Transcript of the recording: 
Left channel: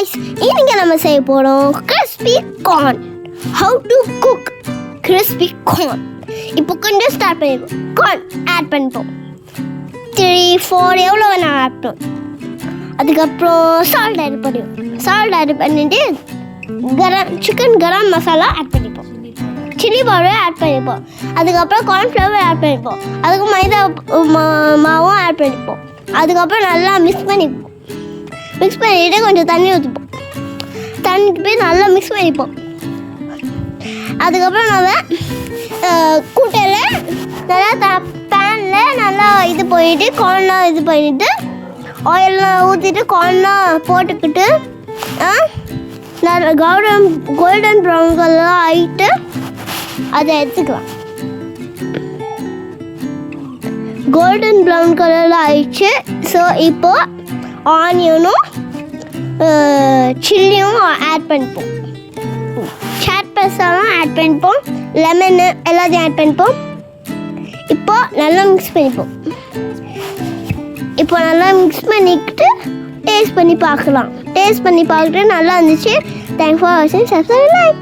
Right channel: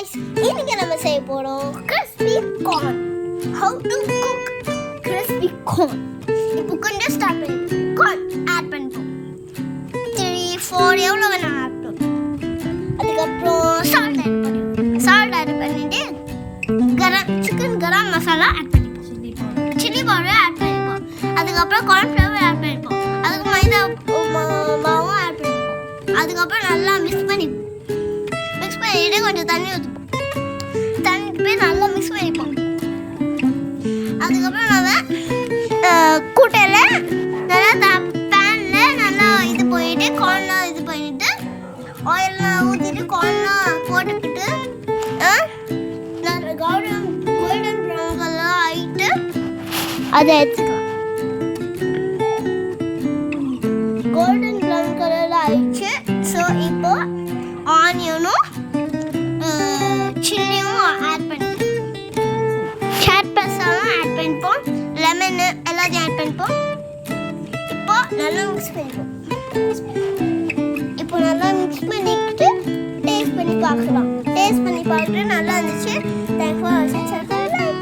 guys, இன்னைக்கு நம்ம செய்ய போறோம் crispy corn. How to cook crispy corn. இப்போ கொஞ்சம் ஸ்டார்ட் பண்ணிடுவோம். corn ஆட் பண்ணிப்போம். 3-4 எவ்வளோ வேணா ஆட் பண்ணுவோம். அதுக்கப்புறம் சால்ட் ஆட் பண்ணிடுவோம். சால்ட் ஆட் பண்ணிட்டு சிக்கன் கரம் மசாலா ஆட் பண்ணிப்போம். சில்லி பவுடர் ஆட் பண்ணிப்போம். அதுக்கப்புறம் கார்ன்ஃப்ளவர் ஆட் பண்ணிப்போம். அதுக்கு மைதா மாவும் ஆட் பண்ணிப்போம். அதுக்கப்புறம் நல்லா மிக்ஸ் பண்ணிப்போம். மிக்ஸ் பண்ணிவிட்டு கொஞ்சம் தண்ணி ஊற்றிப்போம். தண்ணிக்கு போய் நல்லா மிக்ஸ் பண்ணிப்போம். அதுக்கப்புறம் நம்ம கூட்டையில் நல்லா பேனில் நல்லா இது போயிட்டு கார்ன்லாம் இது பண்ணிவிட்டு ஆயிலெலாம் ஊற்றிட்டு கார்ன்லாம் போட்டுக்கிட்டு நல்லா கோல்டன் ப்ரௌன் கலர் ஆகிட்டு அதை எடுத்துக்கலாம். கோல்டன் ப்ரௌன் கலரில் ஆயிடுச்சு. ஸோ இப்போது ஆனியனும் சில்லியும் ஆட் பண்ணிப்போம். சாட் மசாலாவும் ஆட் பண்ணிப்போம். லெமனு எல்லாத்தையும் ஆட் பண்ணிப்போம். இப்போ நல்லா மிக்ஸ் பண்ணிப்போம். இப்போ நல்லா மிக்ஸ் பண்ணிக்கிட்டு டேஸ்ட் பண்ணி பார்க்கலாம். டேஸ்ட் பண்ணி பார்த்துட்டு நல்லா இருந்துச்சு. தேங்க்ஸ் ஃபார் வாட்சிங். சப்ஸ்கிரைப்.